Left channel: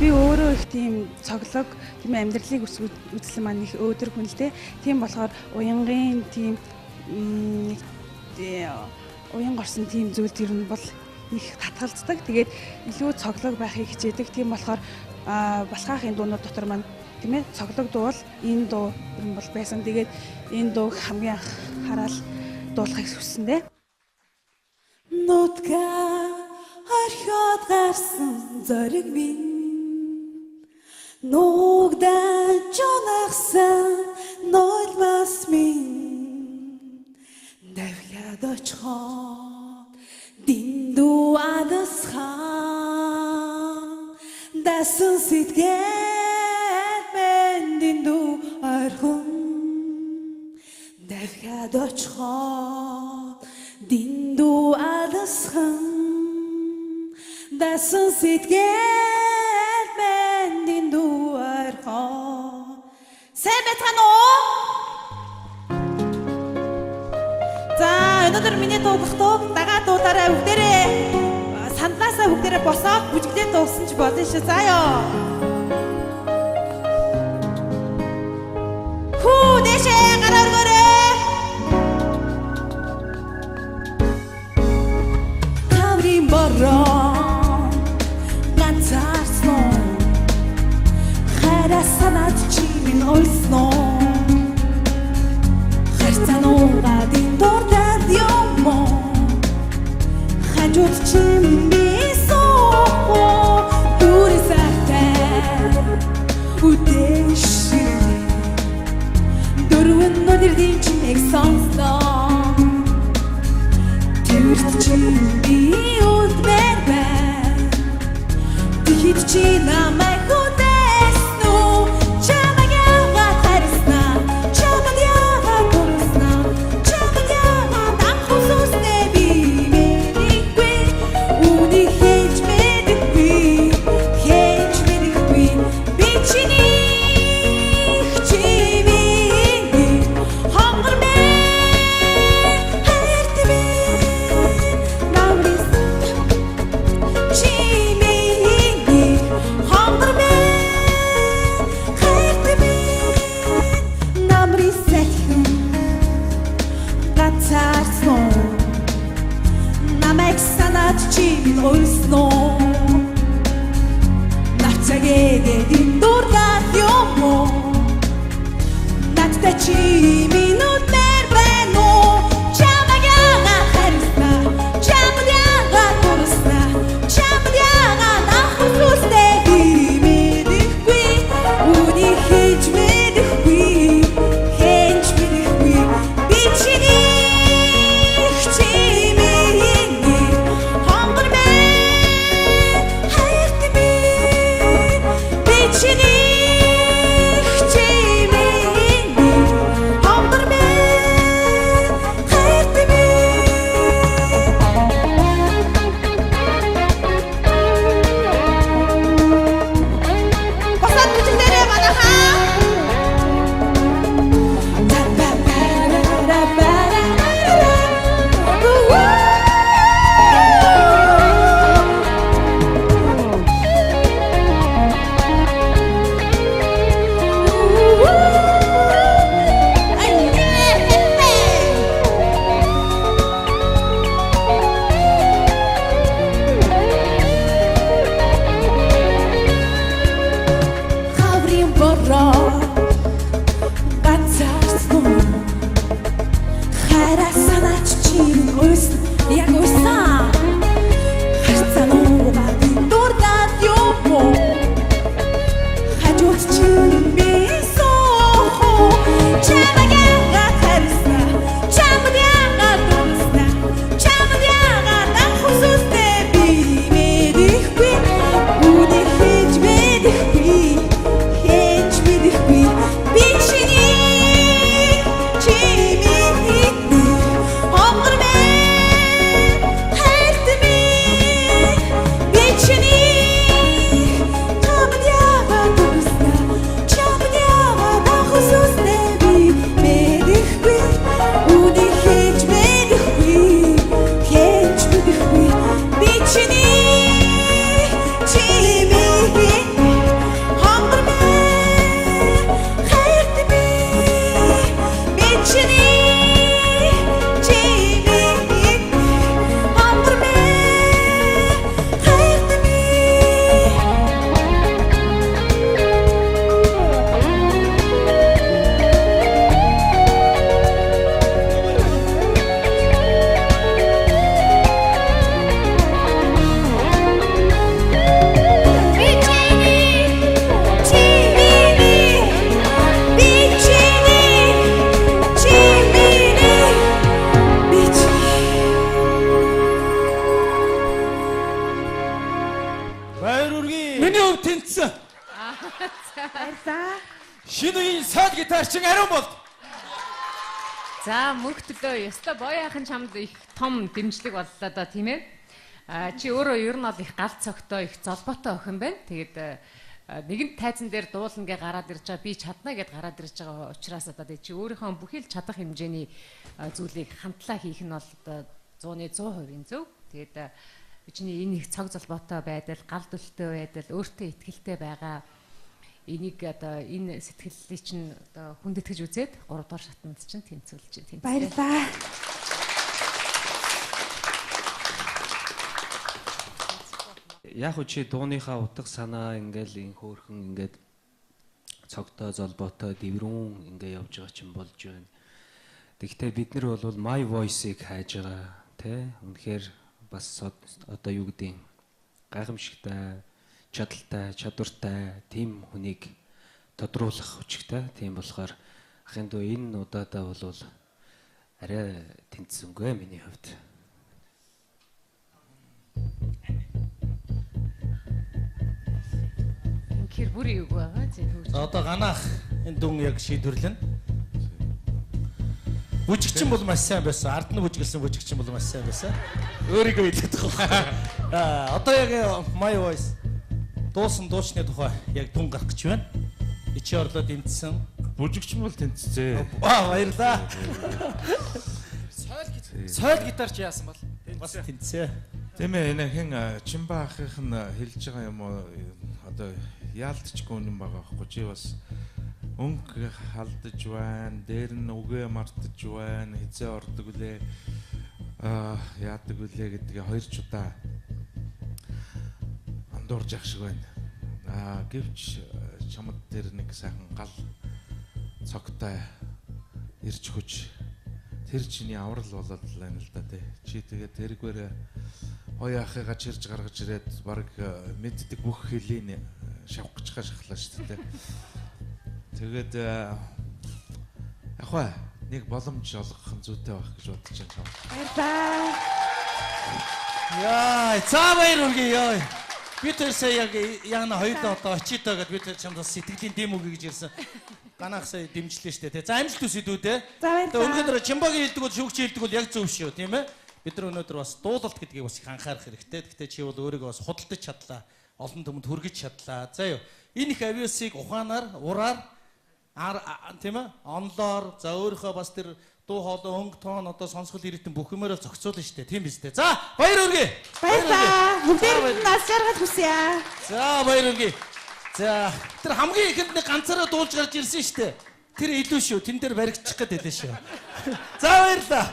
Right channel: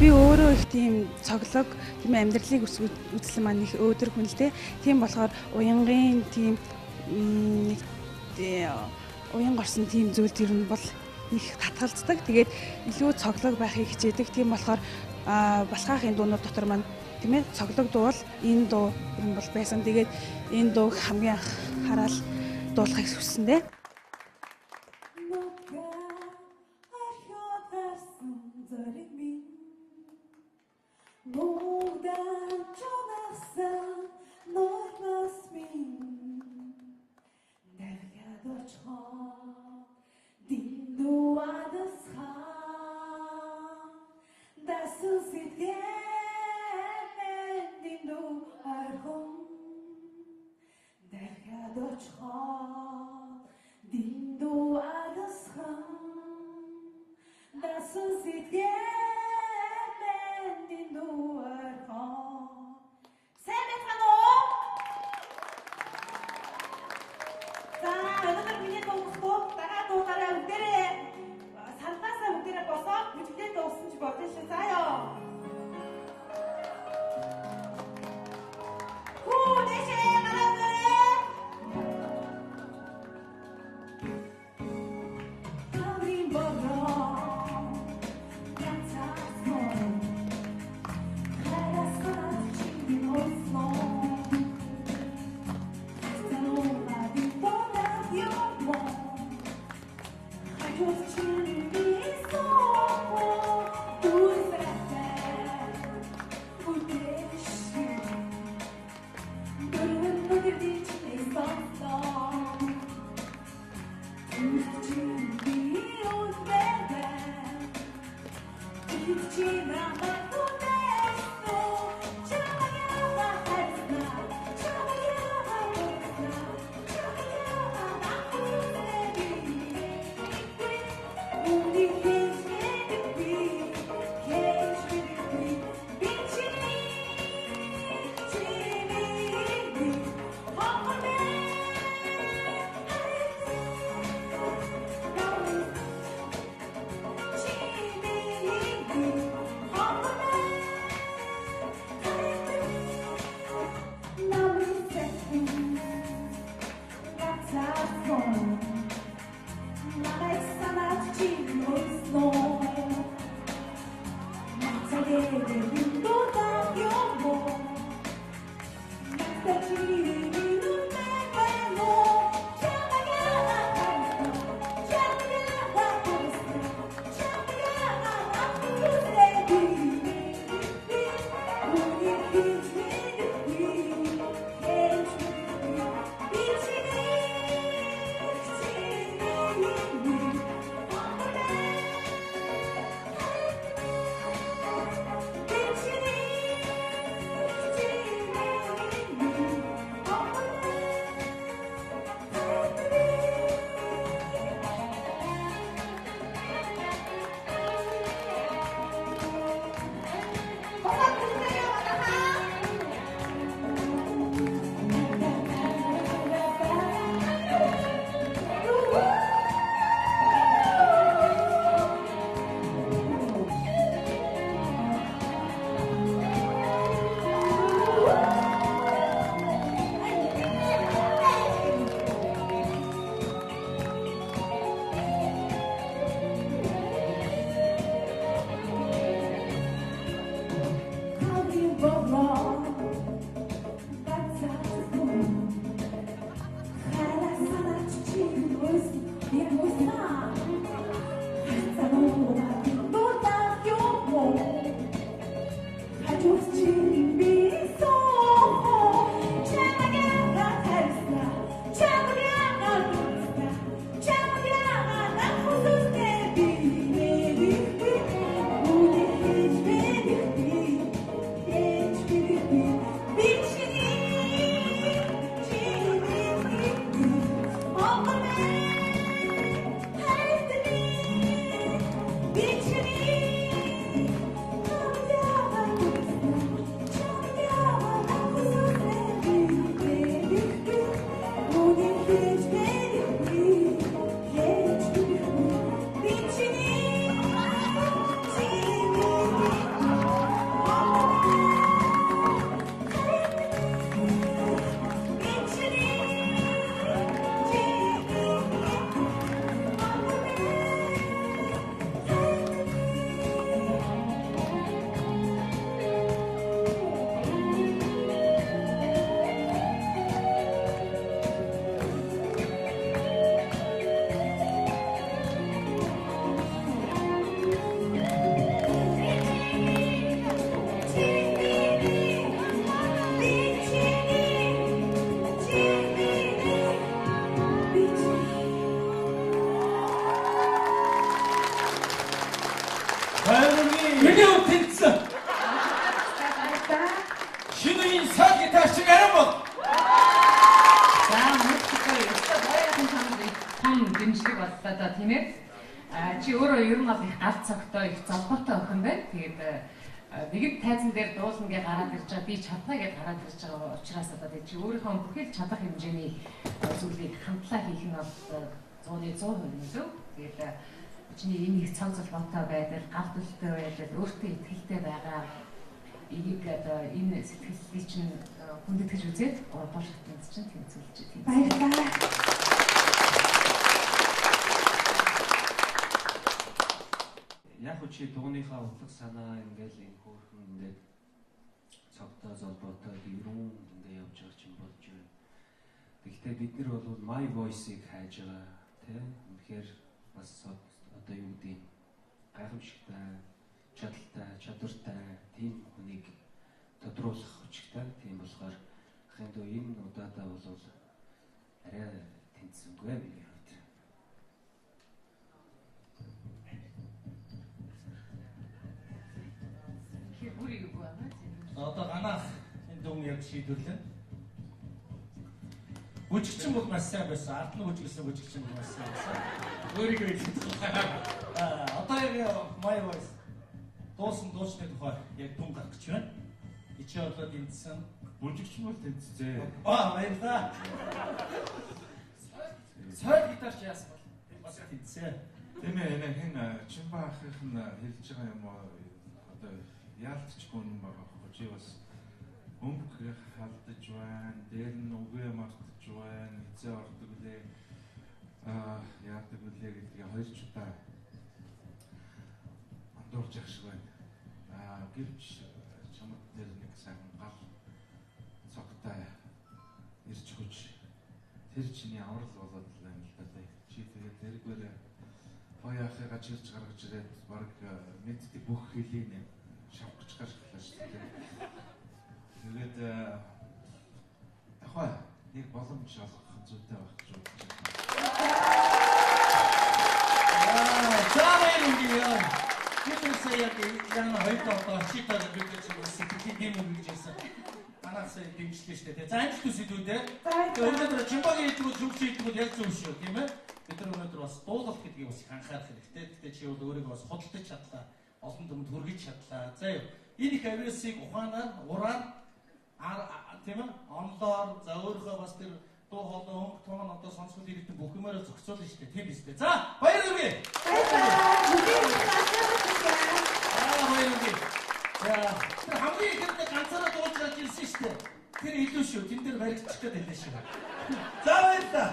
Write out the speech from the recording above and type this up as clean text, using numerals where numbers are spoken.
Би өөрөө их тийм цоглог, тийм амьдралыг үзэл маань их өөдөр хүнэлтэй. Тийм болохоор уянгын тийм уян горсон тийм зүйл ер нь бол их татгалздаг. Тэгээд илүү цоглог байхыг хичээдэг. Тийм болохоор балхаахын дуунууд дотор маань тийм ээ цоглог дуу бол энэ дуу юм бол байсан. Тэгээд энэ дууг хамгийн анх хараад дуулахыг хүссэндээ. Нутга орхиод гарсан зориг минь Нугдан чонахсан нойлмас минь Давхад очход динду адасхан Дасан сэтгээд мен динду архун Давхад очход динду адасхан Дасан сэтгээд мен динду архун Сайн байцгаана уу? За өнөөдөр миний дуугах дуу дагаа дуудаараа бүгдээрээ сандлаасаа бүгдээрээ босоод бүжиглээд дуусан ч болно шүү. За ёо. Хүү дэшээ гараа өргөөрэй. Таврын бороо ганцаарсноо хайраа санаад чимийн олсноо хайрцаануугаа дурдаад юммо хажууд чимээ соо дүрсахтай үдэшээ дөрвөн нодэрдийн чимээг сонслоо тэрт чимээ үдмэр бай тэгэхэд чи намайг Hunger одоо тийм ээ. Чи өөрөө ер нь бол их гал цогтой, их золбоотой охин байна. Тэгээд нэгэн тайзан дээр дуулна гэж гараад ирж байгаа, би чадна гэж гараад ирж байгаа учраас одоо тэгээд чи өөрийнхөө бүхэл чадах хэмжээний зүйлийг хамтлаа хийх нь бол 100% илүү. Тэгээд чиний энэ их цог золбоотой байдал, гал дүлтэй байдал, өөртөө итгэлтэй байгаа энийг одоо энэ сэтгэлийг чинь хүндэтгэж үзээд 3 дугаар шатнд чинь тэмцүүлж байна. Баярлалаа. Яг уу чи дууныхаа утга санаа ингээл ин хөөрхөн ингээд цогтой золбоотой дэврүүн ингээ явж байгаа чинь болж байна. Тэгэхдээ бид нар бол My Voice-ыг хайж байгаа тий. Үнэхээр бас одоо юу гэдэг гайхамшигтай, чадaltaй, чадвартай тийм хүнийг тодруулах хүчтэй. Тийм болохоор ахын дөө энэ удаадаа бол арай тэнцсэнгүй миний хувьд. Инхээр бүр юу байгаа зөв. Одоо ганах энэ дүн яг шийдвэрлэн. Бүжигчин бол маш сайн байсан. Ард нь бүжиглсэн бүжигчин бол маш сайн байсан. Өөрийгөө хэлээд байгаа. Одоо яг My Voice дуучны тухай яг дүн гарах гэж байна. Ичи орлоо тэмцсэн. Бүжигчин бол тэнцсэн. Баярлаа. Соёл гитарч яасан бол Бас тэнцсэн. Тийм ээ, энэ хэн Чимба ахих нь хэлж байгаа юм уу? Одоо яалтчгүй юм байгаа байхгүй чи бас өнгө халдаж байна, дээр нь үгээ мартаж байна, хизээ ордог үлээ, яадаг үлээ гэдгээ 2 ч удаа андуурж явах шиг байна. Гэвч чамд дээр нэг сайхан гал цогтой ирж хүч тэр чиний аврал болоод байна л да тий. Чи тэгээд тэргээрээ хоёр ахыгаа чирж гаргаж ирээд баг мэддэг бүх хэлийг шавах гэж шахлаа шүү дээ. Тэгээд ахаа нэг боломж олгох нь зүйтэй байх гэж бодож байна. Яа, цаавар үгүй яа. Би тэр сая яг на хоёулаа одоо очиотаа гэж би тэр чамд сэтгэлийн дэм үг гэж ярьсан. Ганах сая дэмжлээ шүү дээ. За амжилт хүсье дүү дээ. Тэгээд өнөөдөр Чимбагийн хэлдэг бол шүүгч хэлдэг бол яг зөв шүү, тийм ээ. Бид нар өнөөдөр бас дуулалт гэдгийг бас их анхаарах хэрэгтэй. Гэхдээ чи бол өөрийгөө бас худалдаж чадлаа. Олон түмэнд хүргэж чадлаа. За юу. Энэ их авиасыг ухаанаар, ураар тийм ээ, онлоор за өөрийнхөө бас тэр дуу хоолой өнгө тоон одоо сонсгол ирэтэн бүх юмараа зохицуулна штэ. Тийм биз дээ. За баяр хүргэе. Баярлалаа. Бүгдээ нас жаргал хүсье. За баяр хүргэе. За тэр хамгийн ихэнд нэг ганцаараа дуулж гарч ирсэн штэ. Тэр илүү шүү. Тэн дээр баригдчих гээд байлаа шүү. За баярлалаа.